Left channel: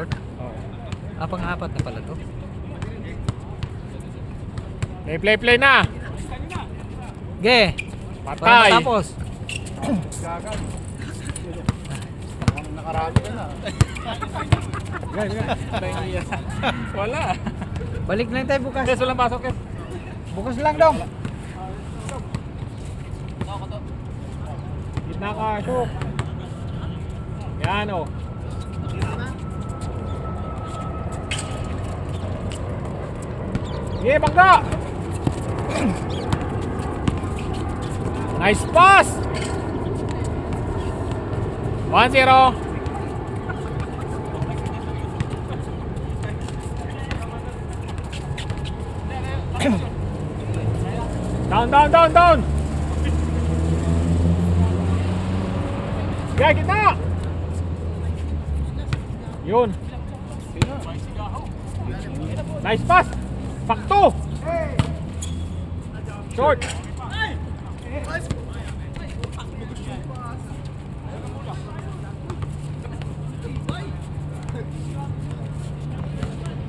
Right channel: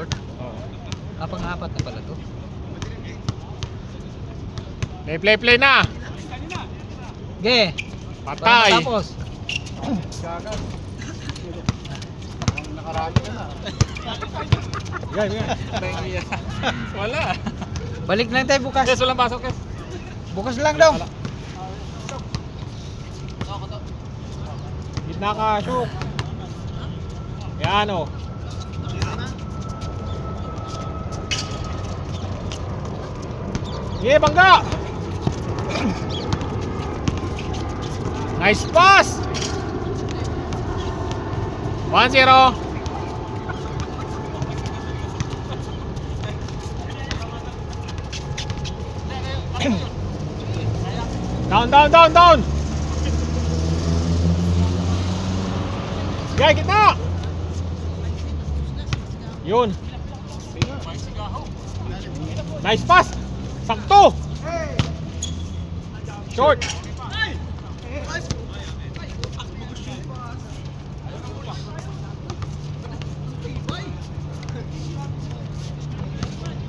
Report? Oo. Pang-apat na pala to. Play na. Ge! Patay. Tapos. Wala. Balik lang tayo bukas. Yes, walang pasok yes. Bukas lang daw. Gitna ka, shook. Yan o. Sige, bangga! Nice pass! 1-0. Down! Sige, kita! Yun. Nice pass! Sakto! Short!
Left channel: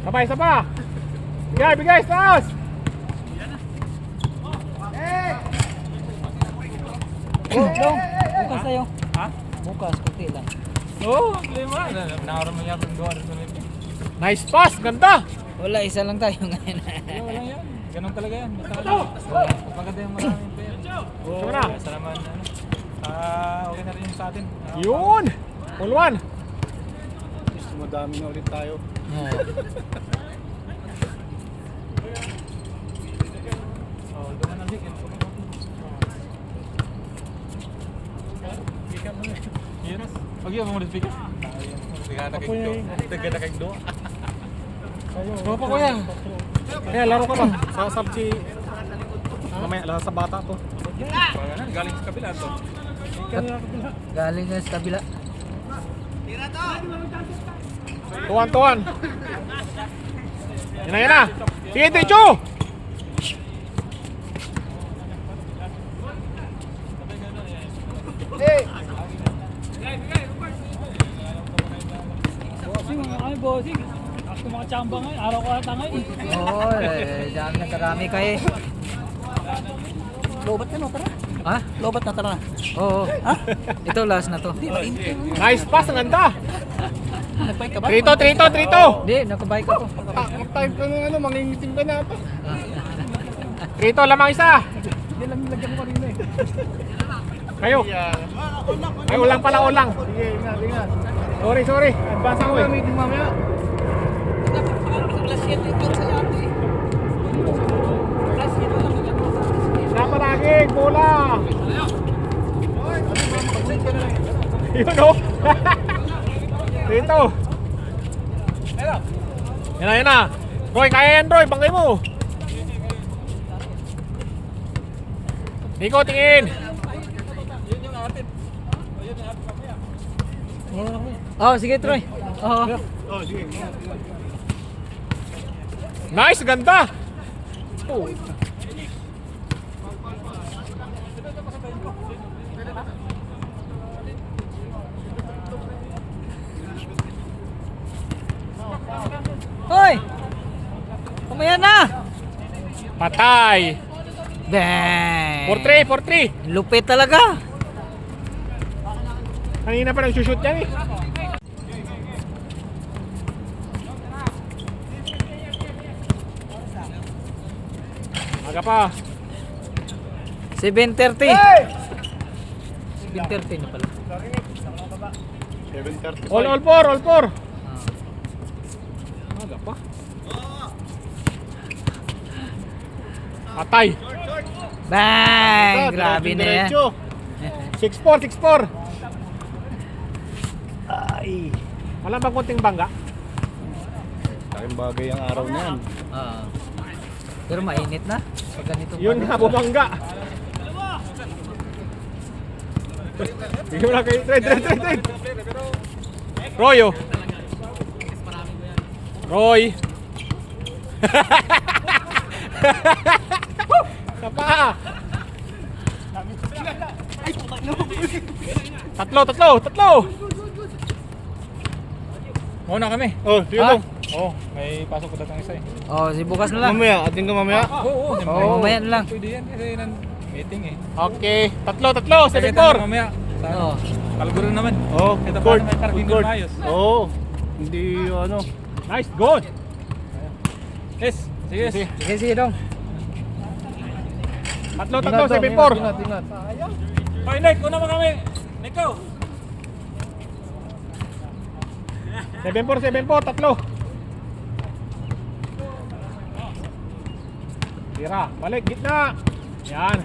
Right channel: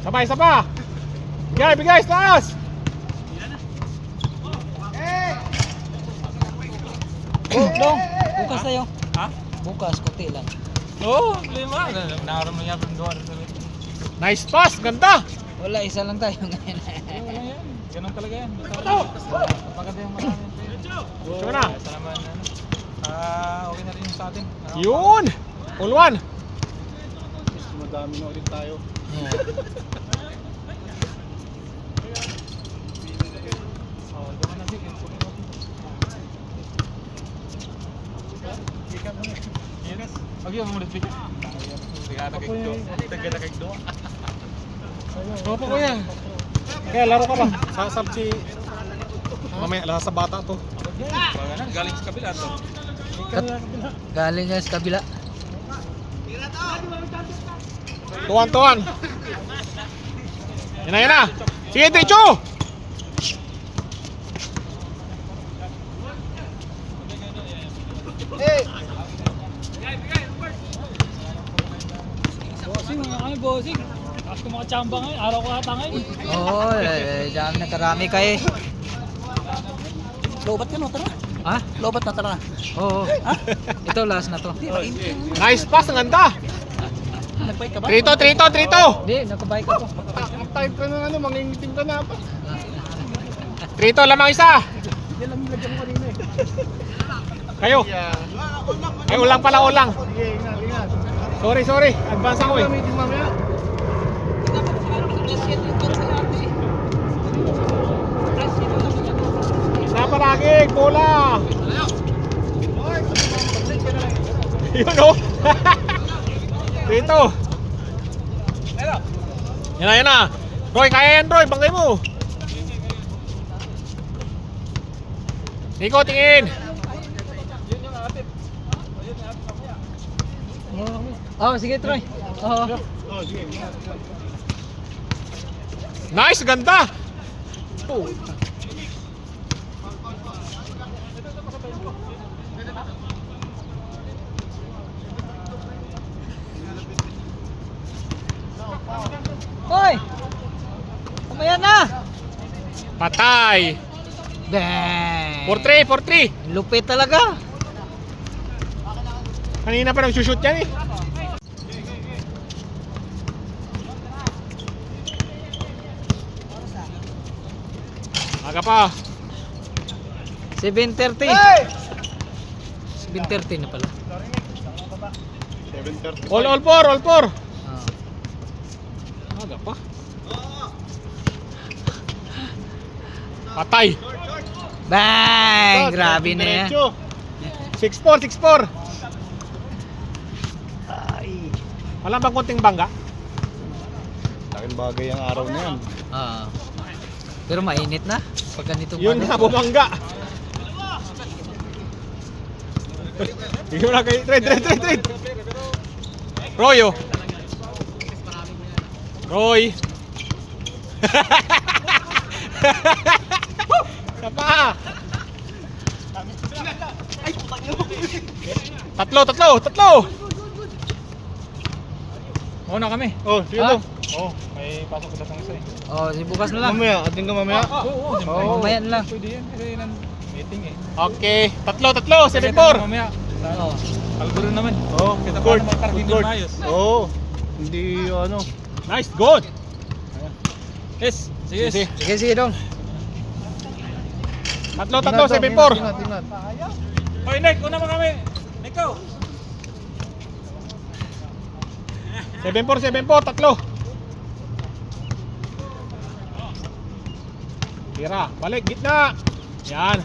Sabay, saba! Bigay, taas! Bukas tayo. Ha? Bukas, kunti lang. Oo, lima. Nakaroon mo yan doon. Nice pass! Ganda! Wala, isa lang tayo ngayon. Wala yan. Ganun talaga yan. Baka din maraming pera. Siya na. Okay na rin yung sa atin. Yun! All one! Mas madami na ulit tayo. Pag-iwan mo ulit bigyan. Taga na kay Do. Ano pa kuya? Kaya laro ka ba? Sa sabsi. Mamaya lahat sa bata to. Galing sa kabila to. Galing nga sa kabila. Tuwan. Yan na. Sige, Techo! Bossing. Basta mga tsamba ngayon. Araw ko ata ngayon. Oo, dami na karami kayo. Lobat ka na, tara. Ha? Lobat na, tara. Oo. Ha? Ito, last na to. Nice pass, ang ganda! Nagpahit ka ba? Trito! Hindi, nakabike ako. Type ka na mangingitim ka na pa. Trito, lamang isa! Kayo! Ay, ulang pala, ulang! Sige, ingat. Sorry. Advance ako eh. Meeting mamaya. Isa pa lagi, bola! Yun o! Dito! Yan na! Roy, kaya yan Roy, bangay mo! Nico, tingin! Oh, sige, Troy. Oo. Nice, ganda! Oh. Hoy! Kumaya na! Patay! Bang! 4-3! Lupit talaga. Kanina pa nag-shoot yan eh. Aga pa. 7:30. 7:30 na pala. 7:30. All four. Aga pa. Patay. Bang! Grabe na yan. 6-4. Ay. Wala bang konting bangga? Laking bagay ang araw na yan. Pero mainit na. Pag ganito Yun na, bumangga. Yun na kayo. Trade. Roy. Sapa. Tatlo. Mauna kami. Oh, sige Ha? daw. Oo, may pasok ko datang isa eh. Oh, si bukas na lang. Mamaya, atin ka mamaya. Oo, siyempre. Mamaya na lang. Pwede yan kasi nan meeting eh. Okay, tatlo, Kasi tayo mamaya. Oh. Kalguro naman. Oh, Kita good court. paano may parking Good court. doon maayos. Oo. Hindi ano. Nice, good. Yes, sige. Sige. Sige, sige dong. Tatlo, 7-4. Ingat. Hoy, Nick, una mo kami. Nico. 7-4, tatlo. Tira, balik, gitna. Yan.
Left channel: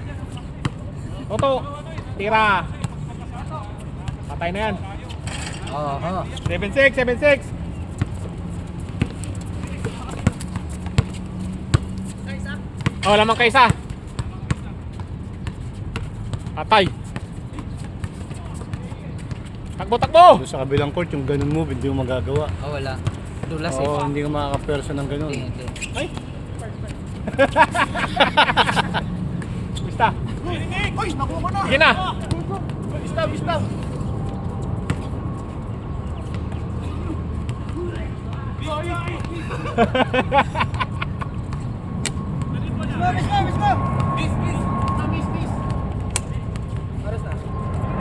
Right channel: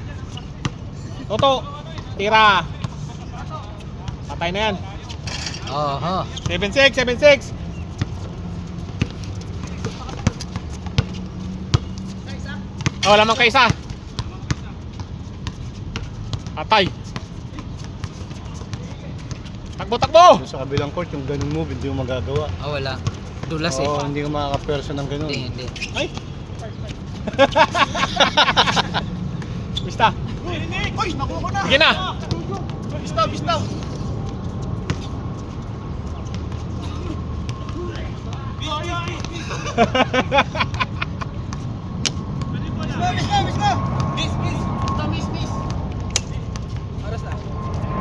Toto, tira. Patay na yan. Oh, 7-6. Oh, lamang ka isa. Patay. Takbo! Doon sa kabilang court, yung ganun move, hindi mo magagawa. Ah, wala. Dulas Oo, eh. hindi ka makaka-perso ng ganun. Hindi. Ay. Bista. Oy, nakuha ko na. Sige na. Bista.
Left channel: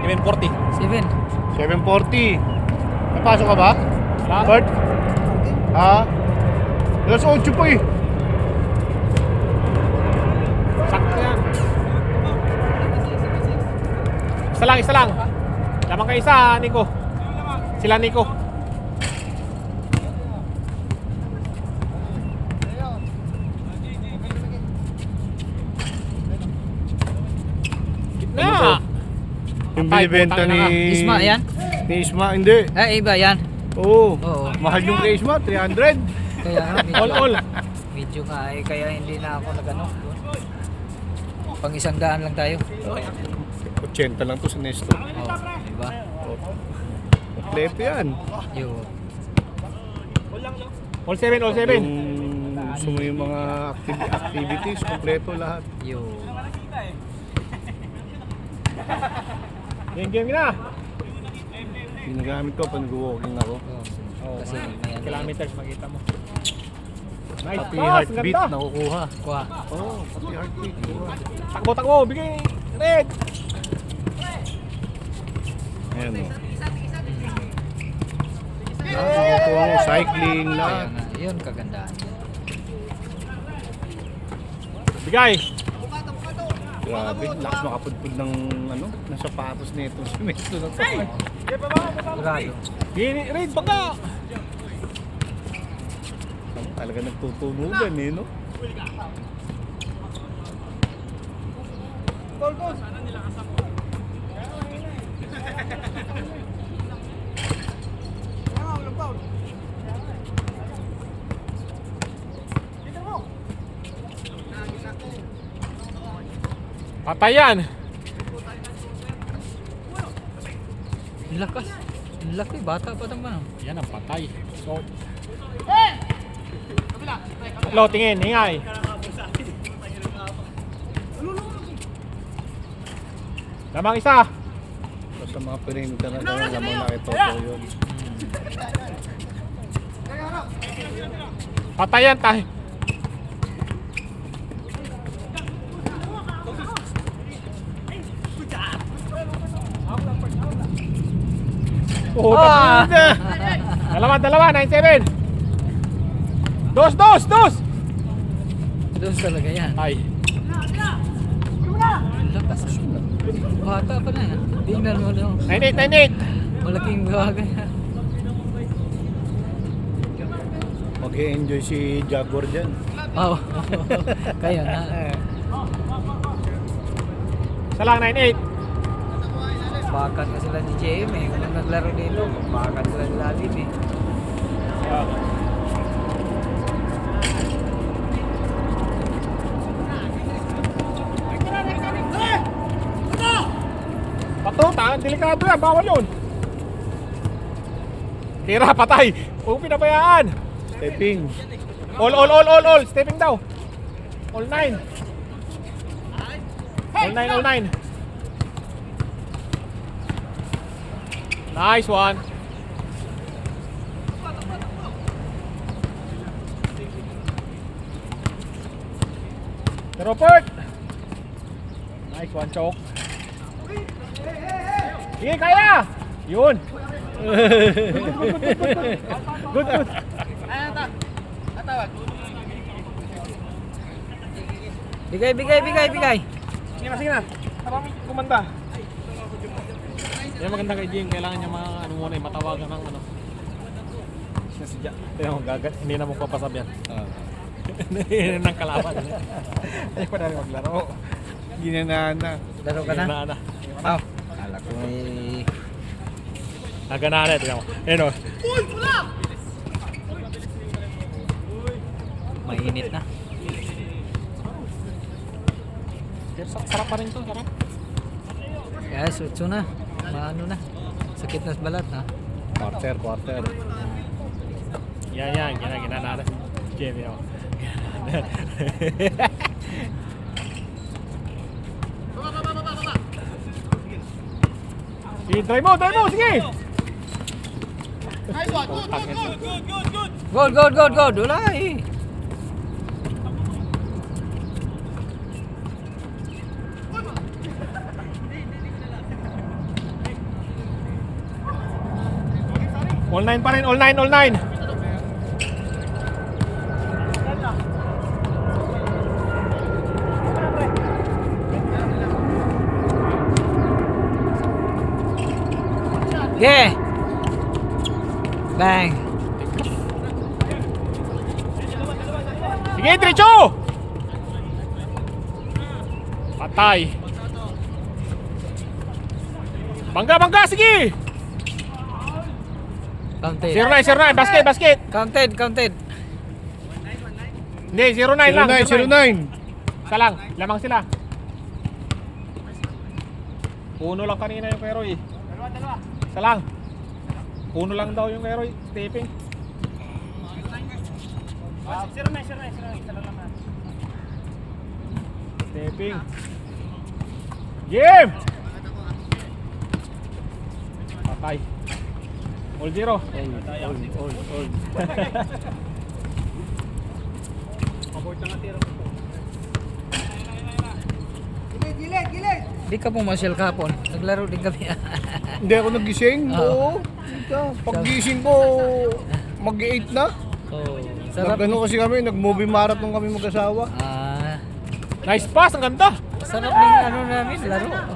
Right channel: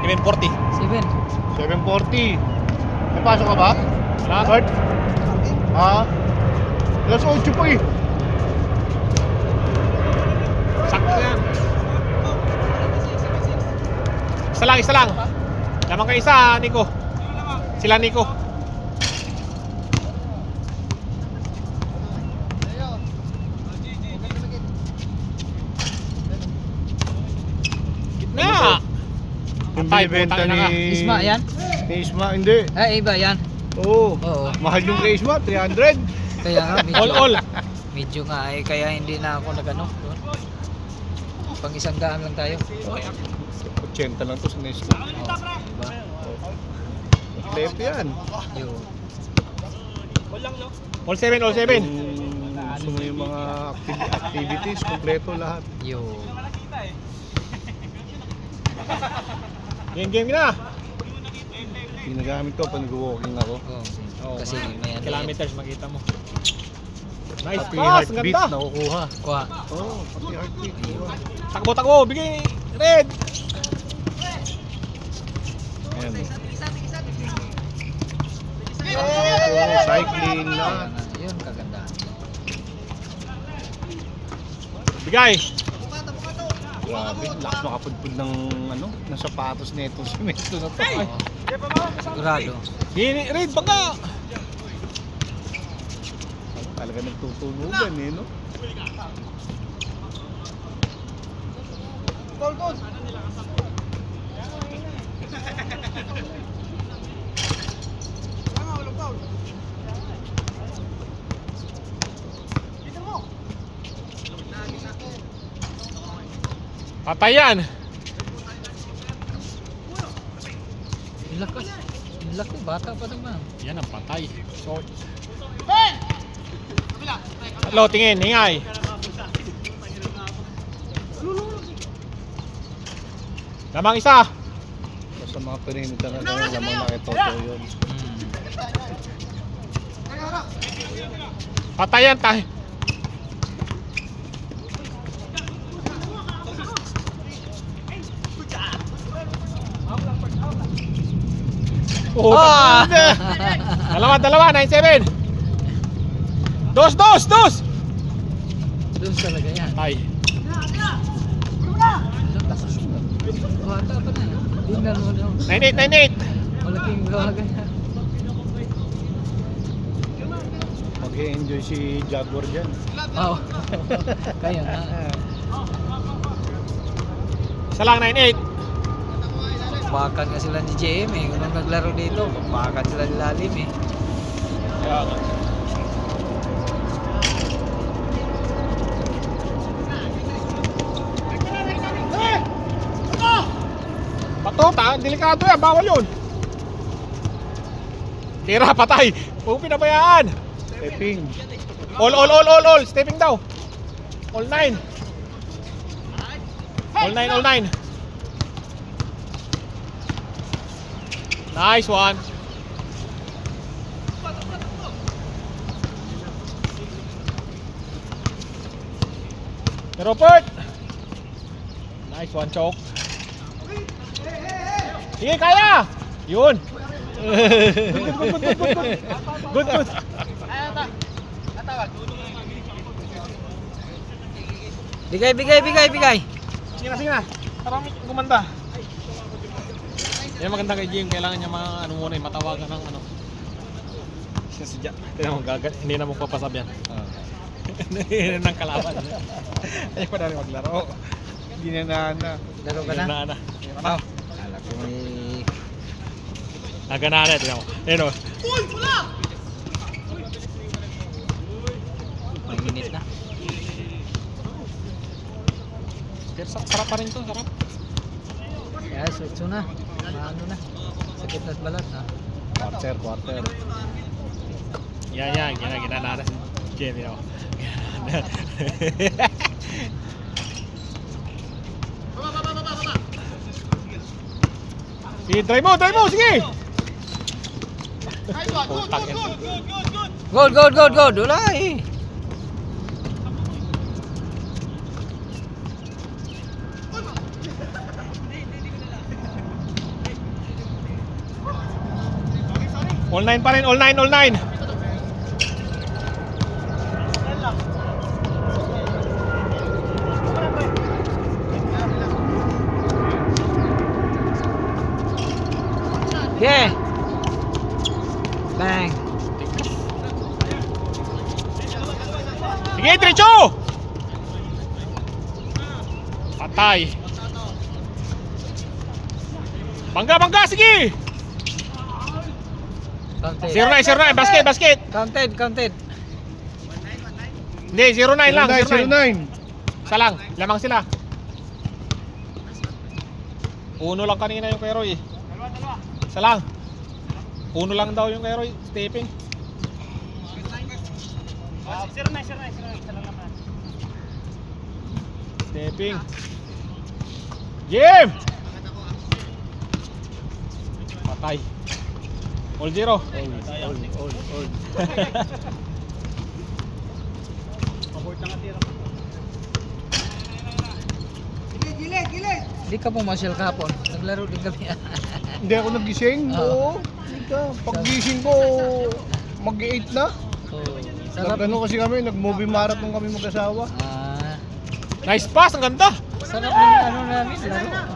Kevin 40. 7. 740. Napasok ka ba? Wala. Court? Ha? Alas 8 po eh. Sakto yan. Isa lang. Lamang ka isa, Nico. Sila Nico. Gitna. Yung Patay, binibenta putang ina ka. ni... Isma, yan? Ni Isma, hindi. Iba yan. Oo. Oo. Mahal yung kay Isma, 300. Kaya nga, medyo, All. medyo nga eh, kaya hindi na ako nagano. Pang 100 lang tayo. 80 lang to sa Nesto. Oh, diba? Kompleto yan. Yun. All 7. Kung gusto mo yung mga activities, kompleto lahat. Yun. Game na. Ginagamit ko pag nag-walking ako. Oh. Kasi may ano. Kilometers makita mo. Nice Pati pass, heartbeat ganda. nakukuha. Kuha. Oo, pati heartbeat nakukuha. Takbo, bigay. Red. Ayan. Nakukuha mo, cycling na. Kaya nga, yun kagandahan. Bigay. Grabe, lakas makapudpud ng ano, ng sapatos nito sa Mesto na to. Sigurado. Red, baka. Talaga nagtutubugan eh, no? Patay yan. Ang lakas. Ang laki. Bata pa naman. Yan ang patay. So, tatlo, tingin, hingay. Lamang isa. Basta mga perimeter na gano'n, lamang nakitoto yun. Patay yan, tayo. Oh, dalawa, 9-7. Dos. Doon talaga yan. Ay. Ang lakas. Bata pa na. Tingnan mo na. 9-8. Malaking bagay. Mag-e-enjoy si Jaguar dyan. Oo. Kaya nga. Isa lang, 9-8. Bakan nga sila ni JM eh. Kung naglaro dito, bakan sila ni Lalim eh. Patuta, delikado yan, bawal yun. Tira, patay. Huwag pinabayaan. Stepping. All. Stepping daw. All 9. All 9. Nice one. Rupert! Nice one, choke. Sige, kaya! Yun! Good, good. Bigay. Sige na. Marami kumanda. Yan maganda kay Jim, kailangan niya ano muna, matawagan ng ano. Si Jack, kaya hindi na mo papasab yan. Hindi nang kalaban. Ayaw pa na rin maglaro. Ginanaan na. Laro ka na? Na. Alam ko may... Naganahan na, tignan mo. Ayun o. Mainit na. Sarap pa rin to, sarap. Kaya sutso na. Ano na. Sakit na balat ha. Quarter. Yan, ginana na si Jimmy o. Sige, drive mo, sige! Good. Wala eh. All 9 pa rin, all 9. Yeah. Bang. Sige, diretso! Patay. Bangga, sige! Counted. 09, basket! Counted. Hindi, 09 lang. 09. Isa lang, lamang sila. Uno lang kanina yung kay Roy. Dalawa. Isa lang. Uno lang daw yung kay Roy, stepping. 09, isa lang naman. Stepping. Jim! Patay. All 0. All. Di ka pumasyal kahapon. Naglaro din kami. Hindi ako nagising. Oo. Oo. Paggising ko, mag-8 na. Oh, sarap. Nagano kasi kami, nag-movie marathon kami mag-asawa. Nice pass, ang ganda. Sarap ng ano namin, laro.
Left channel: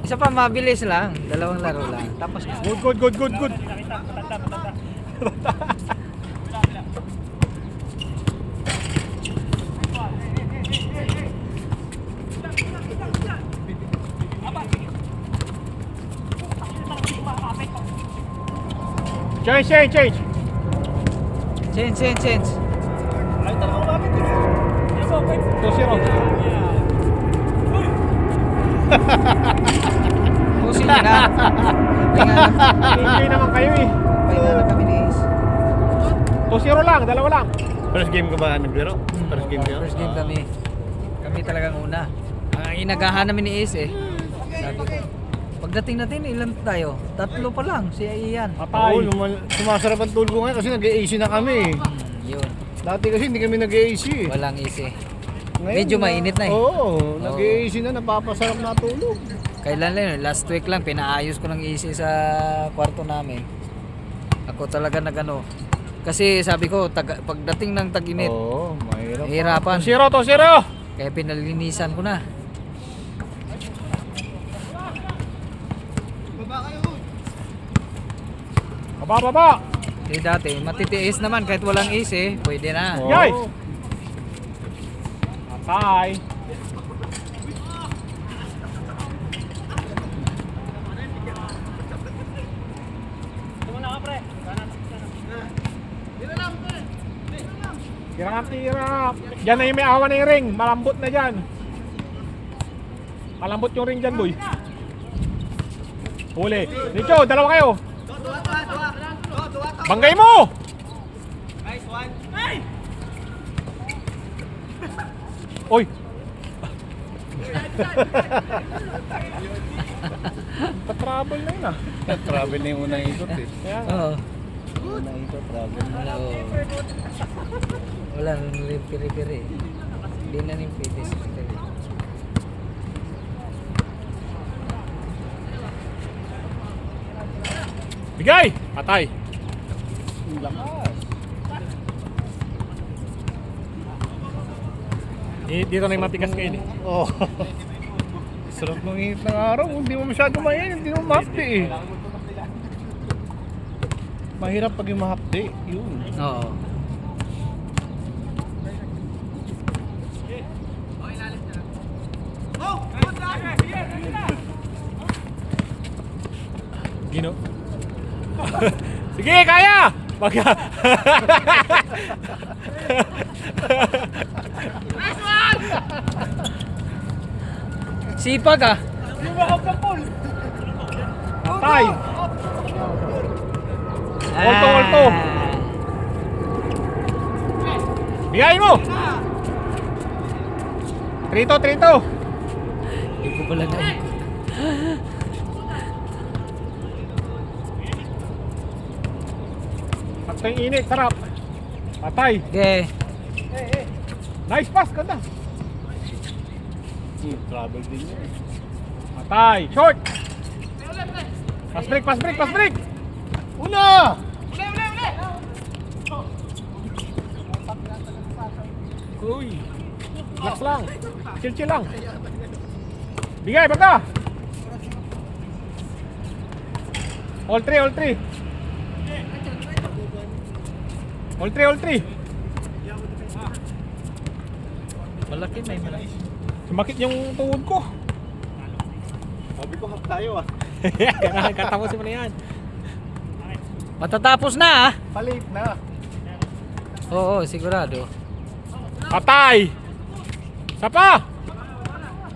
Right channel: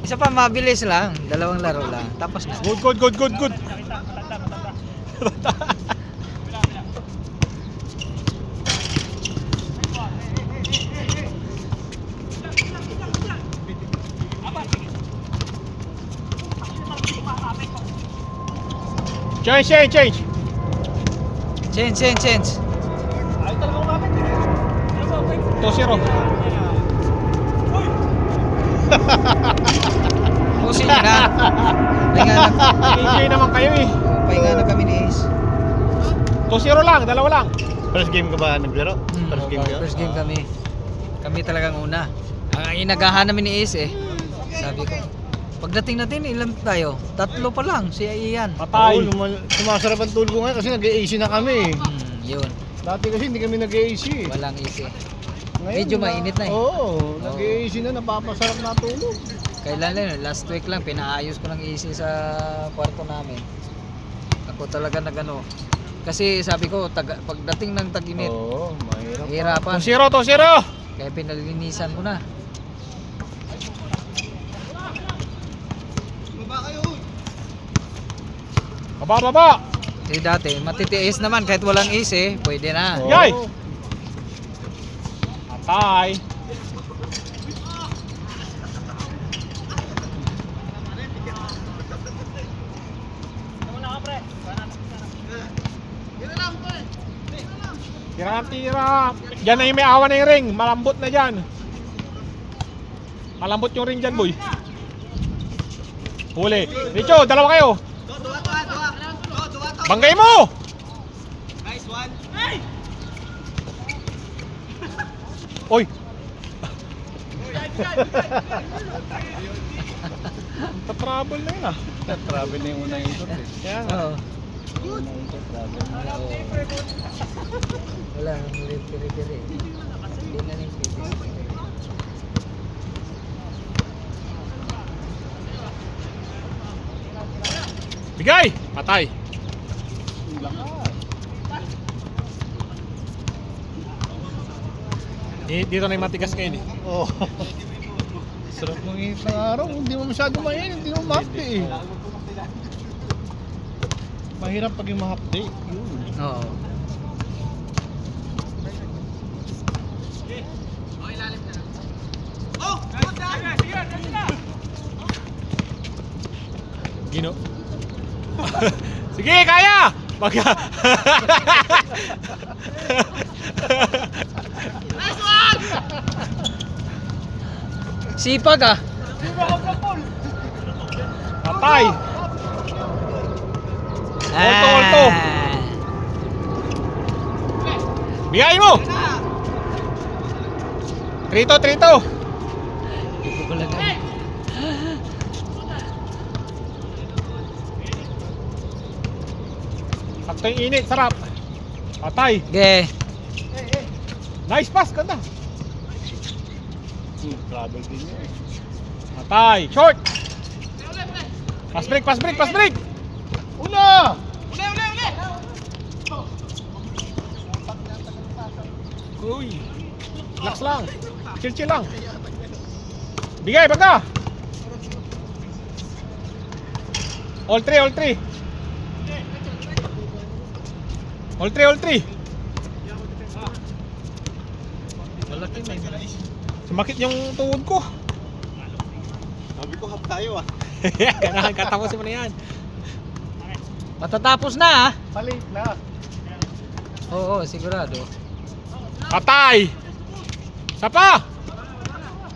Isa pa mabilis lang, 2 laro lang. Tapos na. Good. Change. Change. 2-0. Pusin nyo na. Enjoy naman kayo eh. Pahinga na kami ni Ace. 2-0 lang, 2 lang. First game ka ba naglaro? First game kayo? First game kami. Kami talagang una. Ang inagahan namin ni Ace eh. Sabi ko, pagdating natin, ilan tayo? 3 pa lang, si Ian. Patay. Oo, sumasarap ang tulog ko ngayon kasi nag-AC na kami. Yun. Dati kasi hindi kami nag-AC. Walang easy. Ngayon, Medyo mainit na eh. Oo, nag-AC na, napapasarap na tulog. Kailan lang, last week lang, pinaayos ko ng easy sa kwarto namin. Ako talaga nagano. Kasi sabi ko, pagdating ng tag-init, Oo, mahirap. hirapan. 2-0. Kaya pinalinisan ko na. Baba. Eh dati, matitiis naman kahit walang ace eh, pwede na. Oo. Yay! Patay. Tira. Diyan na yung may awa na yung ring. Malambot na dyan. Malambot yung ring dyan, boy. Huli. Richo, 2 kayo. Banggay mo! Nice one. Oy! Pa-trouble na yun ah. Travel na yung unang ikot eh. Kaya nga. Oo. Wala nang piri-piri. Hindi na rin pwede. Bigay! Patay! Dito na yung matigas ngayon eh. Oh. Sarap ng init ng araw. Hindi mo masyado mainit. Hindi mo mahapdi eh. Mahirap pag yung mahapdi. Yun. Oo. Gino. Sige, kaya! Baga. Sipag ah. Patay! Ulto. Bigayin mo! Trito! Hindi ko pala nga. Sakto yung init, sarap. Patay! Okay. Nice pass, ganda. Travel din niya eh. Patay! Short! Pass break! Una! Uy! Relax lang. Chill lang. Bigay, baga! All three. All three. Malaki na yun. Sumakit yung tuhod ko. Sabi ko hap tayo ah. Ganahan katapusin mo na yan. Matatapos na ah. Palit na. Oo, sigurado. Patay! Sapa!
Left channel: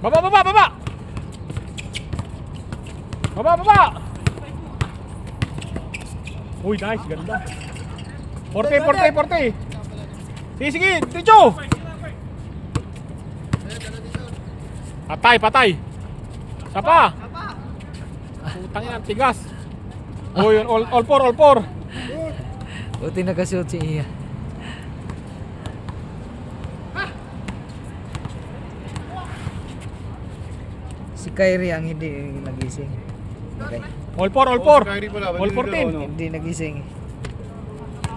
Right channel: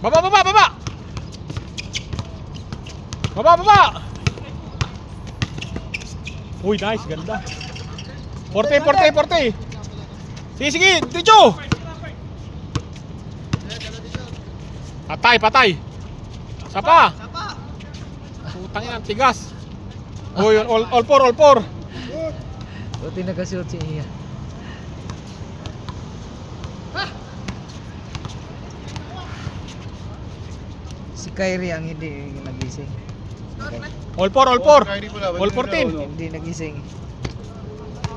Baba! Uy, nice, ganda. 40. Sige, Ticho! Patay! Sapa! Putang ina, tigas. Oh, yun, all four. Buti nagasuot si Iya. Si Kyrie ang hindi nagising. Okay. All four. All 14. Hindi nagising.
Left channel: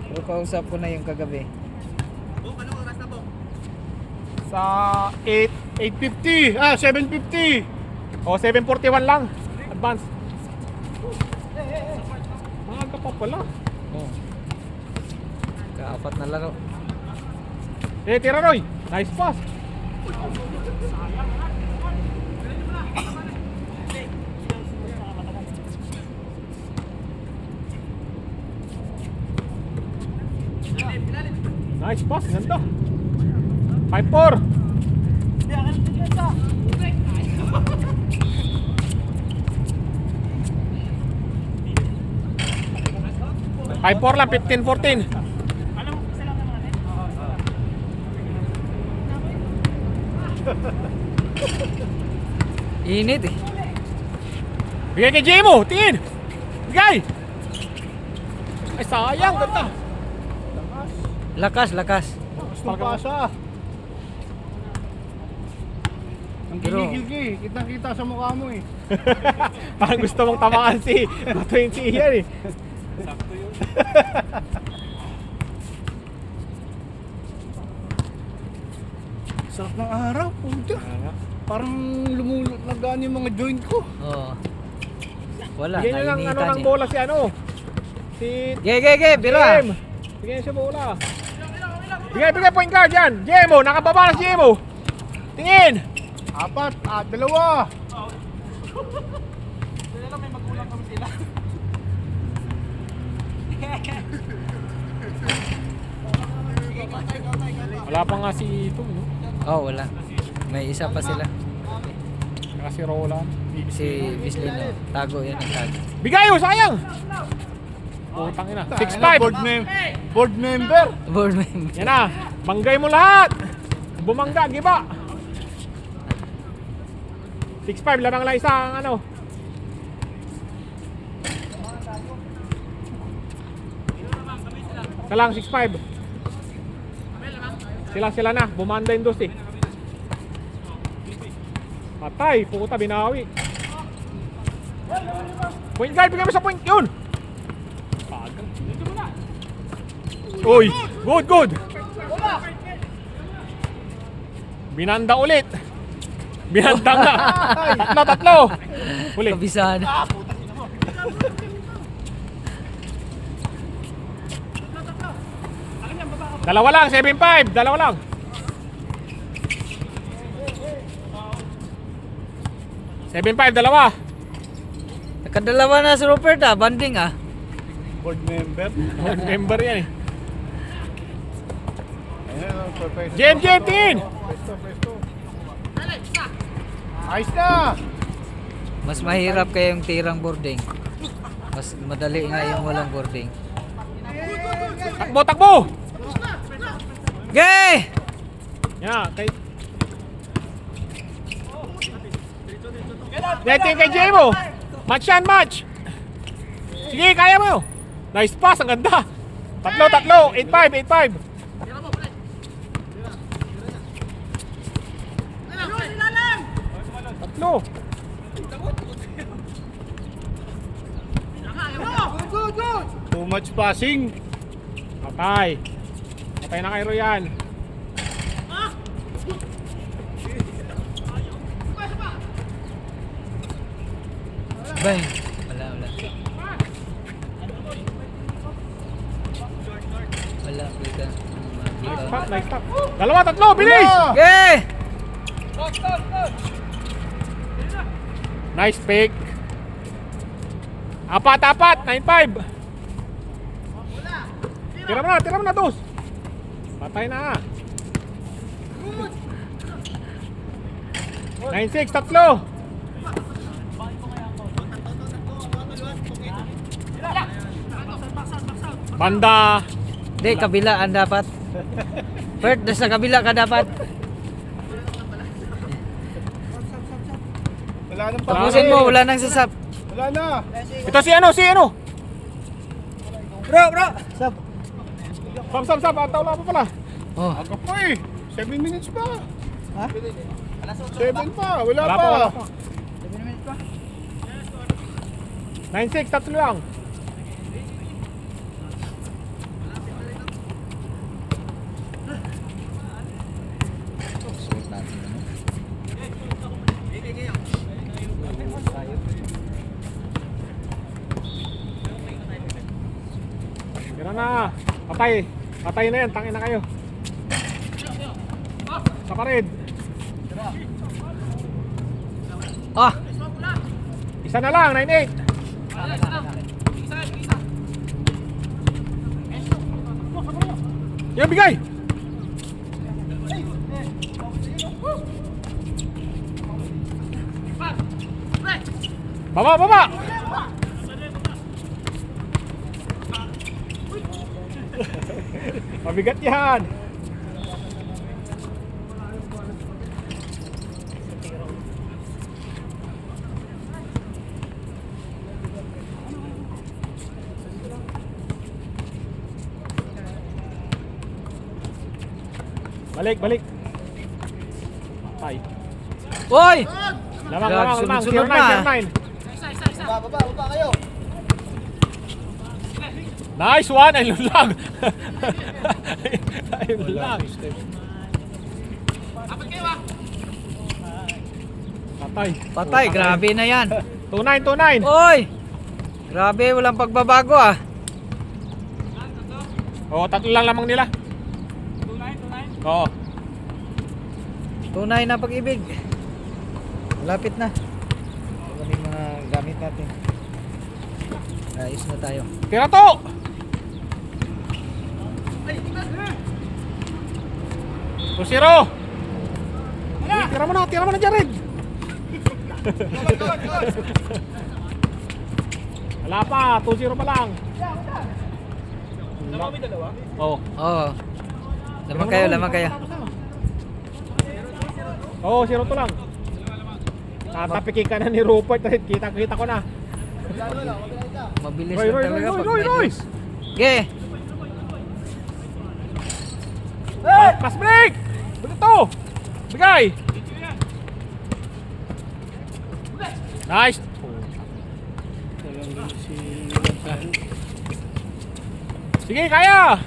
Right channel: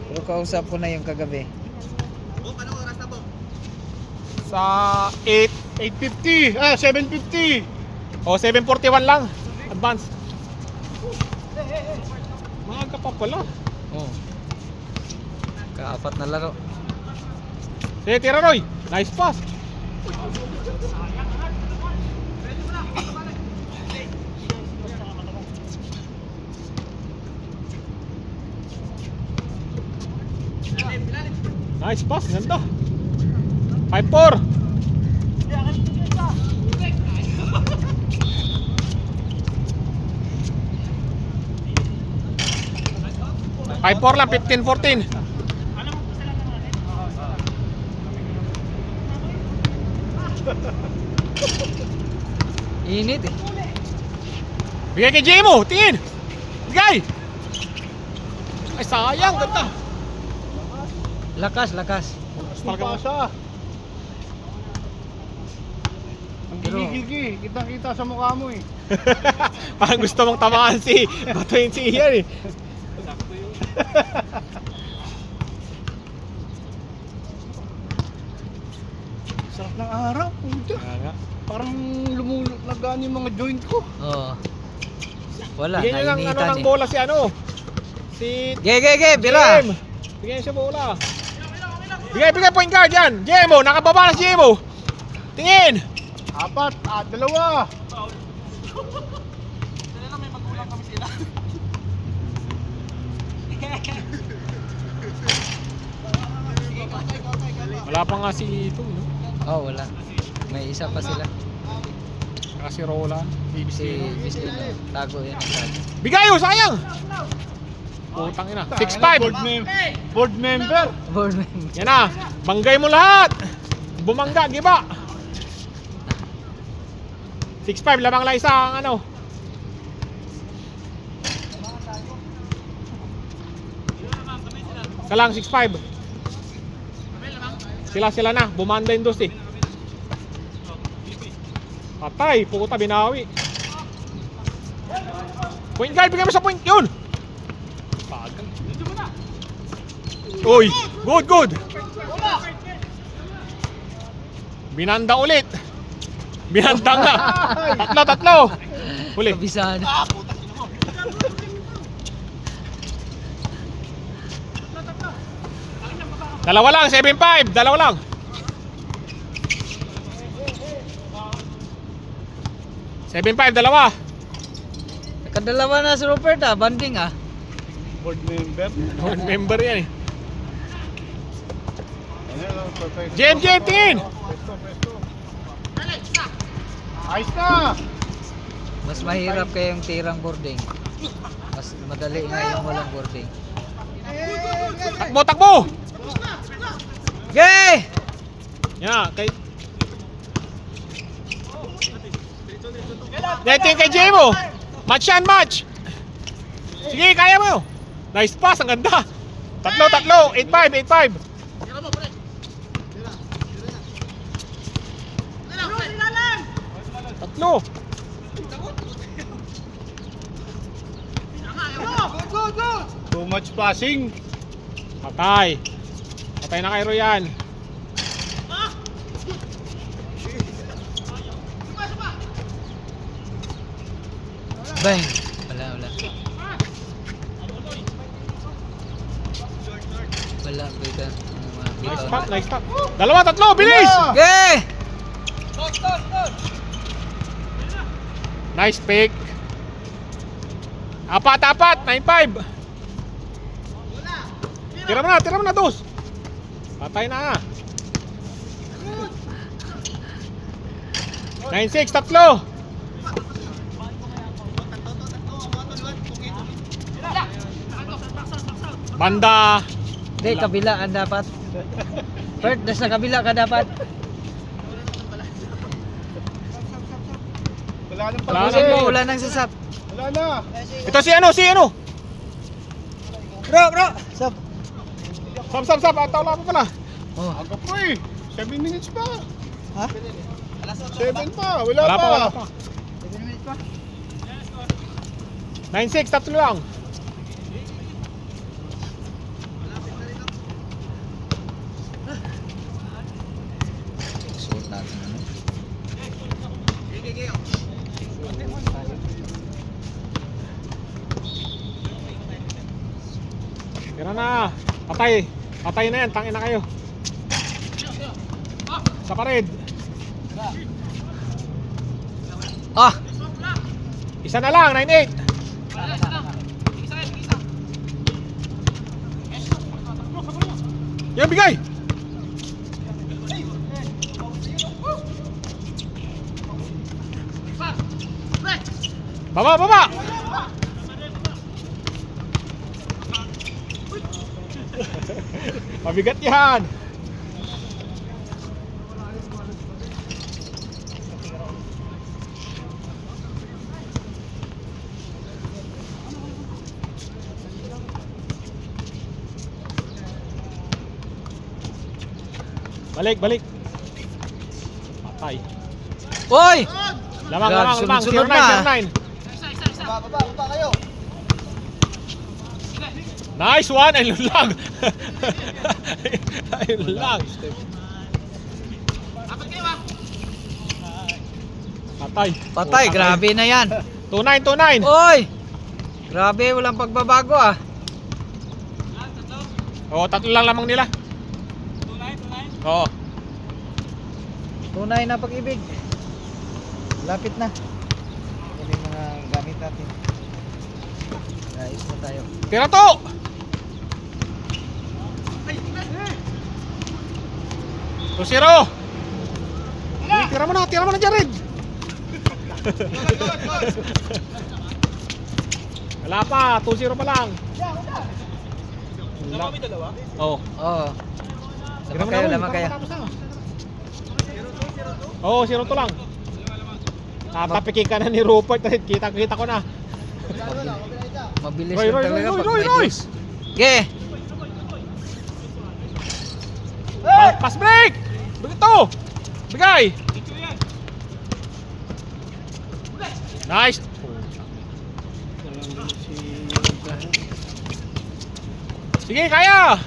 Pero kausap ko na yung kagabi. Sa 850. 750. O 741 lang. Advance. Maaga pa pala. Oh. Kaapat na laro. Sige, tira Roy. Nice pass. Nice pass, ganda. 5-4. Lang, 15-14. Init eh. Bigay kay Jemo, tingin. Bigay. Ay, sayang, ganda. Lakas. Pasa. Ang gigigigi. Kita sa mukha mo eh. Parang gusto mong tamaan si Batuin si Ian eh. Sarap ng araw. Puta. Parang nagaan yung mga joint ko. Oo. Wala, Bigyan nyo lang nainitan ng eh. bola si ano. Si Ge, bira. Jem. Bigyan siya bola. Bigay point guard yan. Jemo, nakababa na si Jemo. Tingin. 4, 2. Wala pa nga si Itong, no? Oh, wala. May isa pa sila. Saka si Roland. Si Bislino. Tago yan. Tago. Bigay oh, sayang. Putang ina. 6-5. Board member. Boardman. Yan na. Banggay mo lahat. Bumangga, giba. 6-5, lamang lang isang ano. Isa lang, 6-5. Sila na. Bumanda yung dos eh. Patay, puta, binawi. Point guard, bigyan mo sa point. Yun! Uy, good. Binanda ulit. Binanda nga. Tatlo. Huli. Kabisahan. Dalawa lang, 7-5. Dalawa lang. Dalawa. Nakadalawa na si Rupert banding Board member. Board member yan eh. Pwesto. JMJ team! Ayos na! Mas mahirap kayong tirang boarding. Mas madali nga yung walang boarding. Takbo! Okay! Yan, kay... Dito yung kay Jemo. Match yan, match. Sige, kaya mo. Nice pass, ang ganda. Tatlo. 8-5. Tatlo. Too much passing. Patay na kay Royan. Bang! Wala. Wala, bigyan. Nice pass. Dalawa, tatlo, bilis! Okay! Nice pick. Apat, 9-5. Tira mo na, Tus. Patay na. 9-6, tatlo. Banda. Hindi, kabilaan dapat. Bert, nasa kabila ka dapat. Wala nang Wala Tapusin na mo, eh. wala nang sasap. Wala na. Ito si ano? Bro! Sap. Sab. Ataw lang pala. Aga po eh. 7 minutes pa. Ha? 7 pa. Wala pa. 9-6, tatlo lang. Suot natin ano. Tira na. Patay na yan. Tangin na kayo. Sa pared. Isa na lang, 9-8. Yan, bigay! Baba! Mabigat yan! Balik. Tay. Oy! Lamang. Sunod-sunod na. 09. Nice one, ayun lang. Ayun lang. Patay, grabe na yan. 29. Oy! Grabe, walang pagbabago Oo, tatlo lang lamang nila. Oo. Tunay na pag-ibig. Malapit na. Ano yung mga gamit natin? Ayos na tayo. Tira to! Tusiro! Tira mo na, Jared! Wala pa, 2-0 pa lang. Oo. Oo. Lamang kayo. Oo, 0 to lang. Tatapikin ka na ni Rupert. Kita ko na. Mabilis Roy, lang talaga pag may Roy! hits. Okay. Pass break! Ito! Bigay! Nice! Sige, kaya!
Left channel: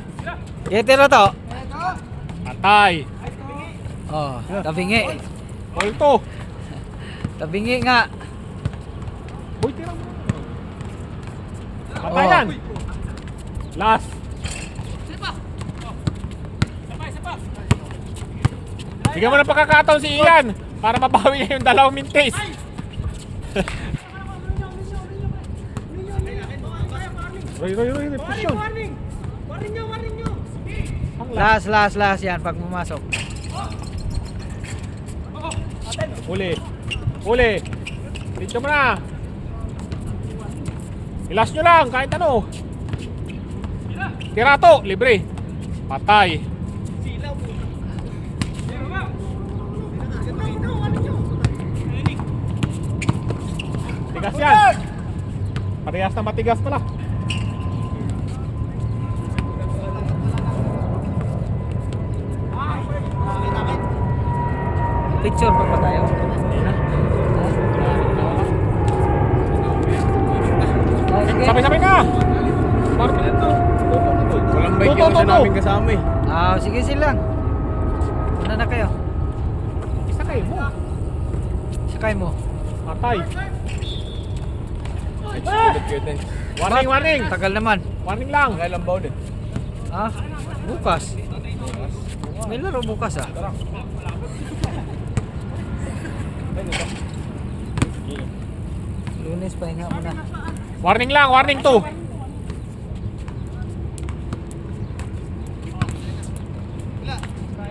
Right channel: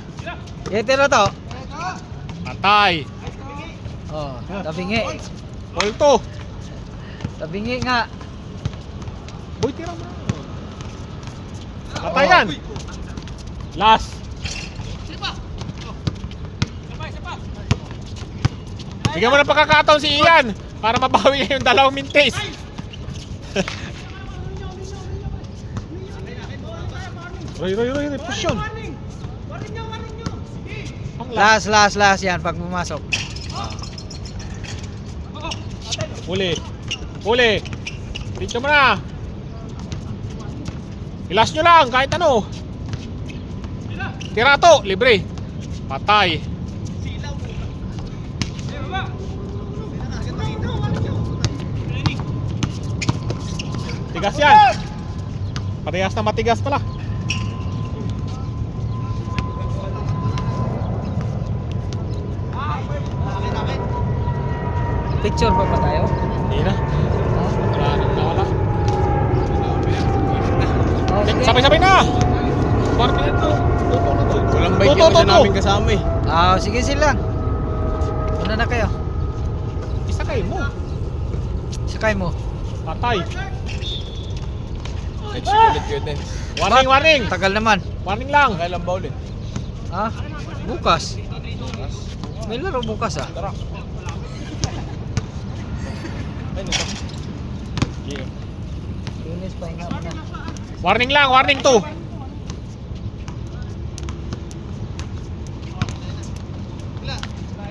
Tiro to. Patay! Oh, tabingi. Ball to! Tabingi nga. Boy, tira mo. Patayan! Last! Bigyan mo ng pagkakataon si Ian para mabawi niya yung 2 mintes. Roy, push yun. Last yan pag pumasok. Uli. Dito mo na. Ilas nyo lang, kahit ano. Tira to, libre. Patay. Tigas yan. Parehas na matigas pala. Picture pa tayo? Hindi na. Ha? Oh, sige. Sabay-sabay na. Party na to. Walang bike yung isa namin kasama eh. Ah, sige sila. Una na kayo. Isa kayo mo. Sakay mo. Patay. Ulit ko din. Warning. Tagal naman. Warning lang. Kailan ba ulit? Ha? Bukas. May laro bukas ah. Lunes pa nga una. Warning lang, warning to.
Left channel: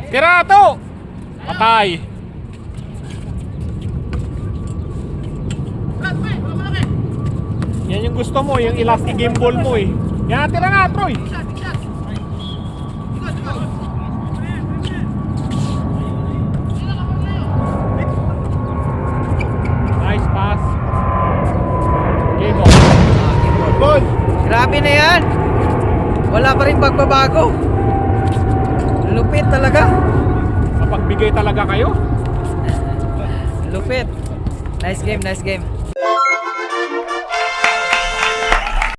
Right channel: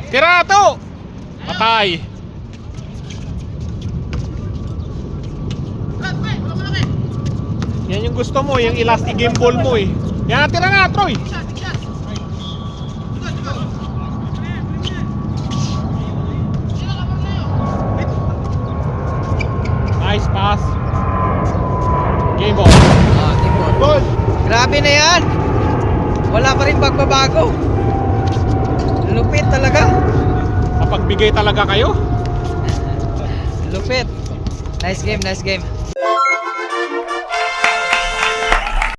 Tira to. Patay. Yan yung gusto mo, yung elastic game ball mo eh. Yan, tira na, Troy. Nice pass. Game ball. Goal. Grabe na yan. Wala pa rin pagbabago. Lupit talaga. Sa pagbigay talaga kayo. Lupit. Nice game.